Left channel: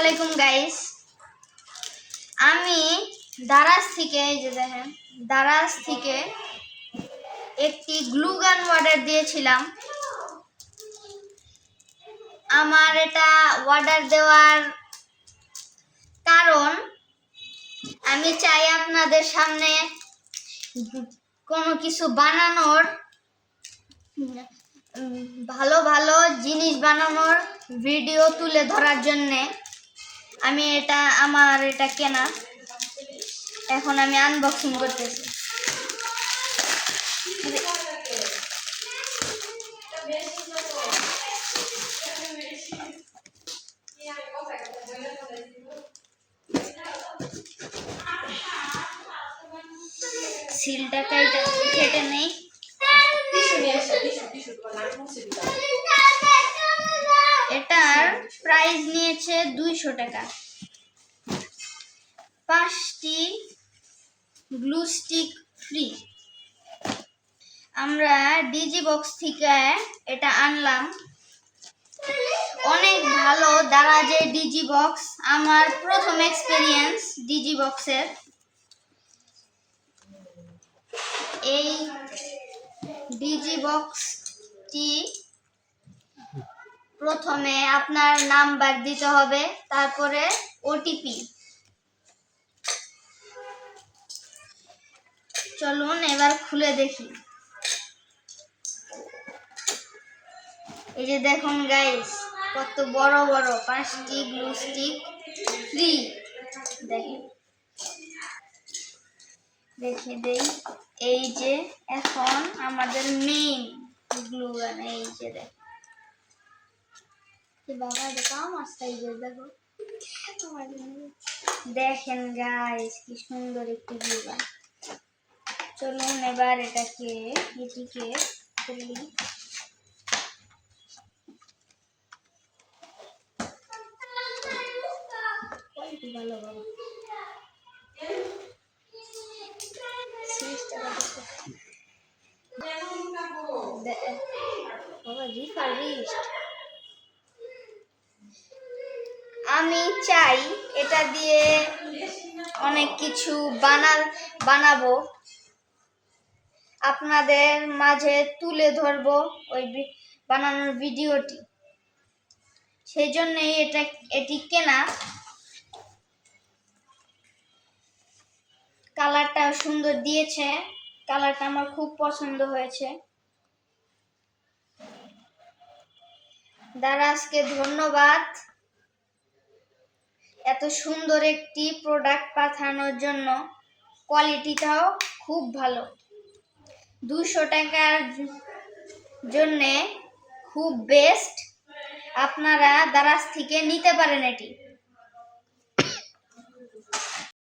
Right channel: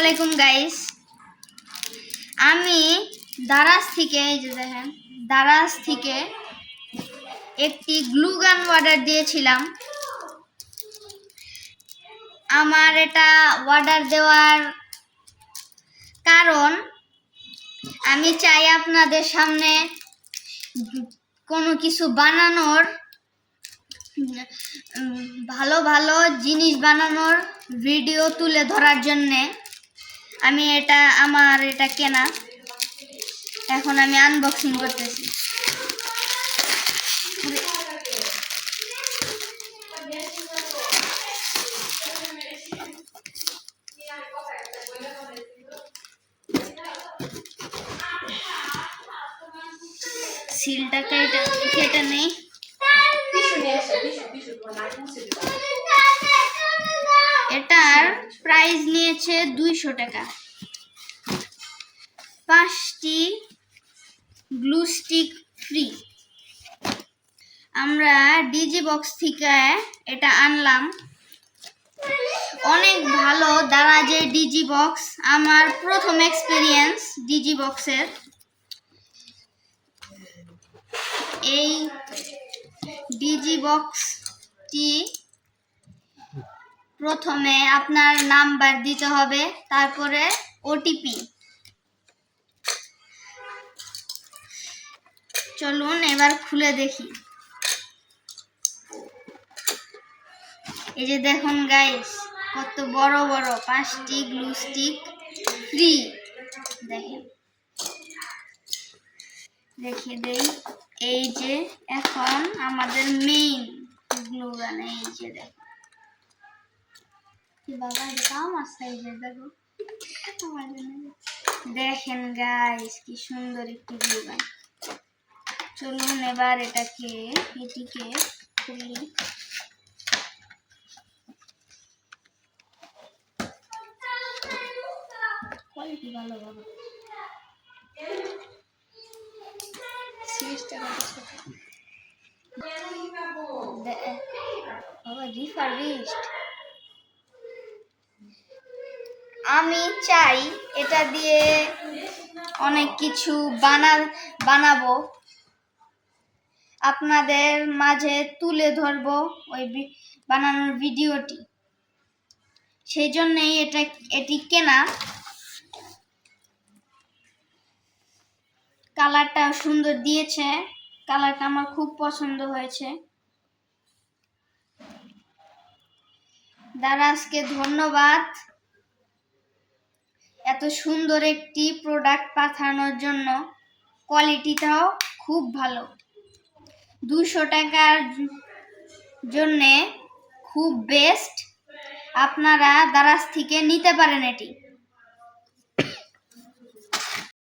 আসসালামাইকুম গাইস, আমি দারাজ থেকে একটি গ্লু গান অর্ডার দিয়েছিলাম। আমার এটা অর্ডার দেওয়ার কারণ আমি চাই আপনাদের সামনে কোনো কিছু বানানোর ভালো ভালো জিনিস বানানোর ভিডিও তুলে ধরার জন্যে আমি আমার এটা কেনা। এখন আমি আনবক্সিং করতেছি। সিলটা কেটে নেই। এটার প্রাইস নিয়েছে 200 টাকা। 5টি গ্লু স্টিক ফ্রি। আমরা ডিজি বক্স থেকে এটা আনলাম। অনেক ভালো দারাজের ডিজি বক্স। আমার প্রথম এক্সপেরিয়েন্স ডিজি বক্সের। এই ডিজি বক্সটি প্রথমে আপনার নাম্বার দিতে হবে, তারপরে ওটিপি। চলুন এবার খুলে দেখি। এই যে দেখুন গাইস, কত বড় বড় 5টি গ্লু স্টিক ফ্রি। দেখেন, রেখে দেই। এই যে এখন আমাদের মেইন গ্লু গান। এই যে বাবা কাম আসছে। এই যে দেখো, দেখেন গাইস কি সুন্দর একটি গ্লু গান। চলুন এবার এটিকে খুলি। কোয়ালিটি ভালো বাবা। আমি চাই এটা দিয়ে অনেক কিছু বানাবো, আপনাদের মাঝে তুলে ধরবো ওই বানানোর ভিডিওটি। সেই জন্যই এটি কেনা। কালারটা সুন্দর দিয়েছে, কালারটা আমার খুব পছন্দ হয়েছে। দারাজকে ধন্যবাদ এত সুন্দর একটি প্রোডাক্ট পাঠানোর জন্য। কোয়ালিটিটাও খুব ভালো। 200 টাকার জন্যে খুব বেস্ট। আপনারা দারাজ থেকে নিতে পারেন এটি।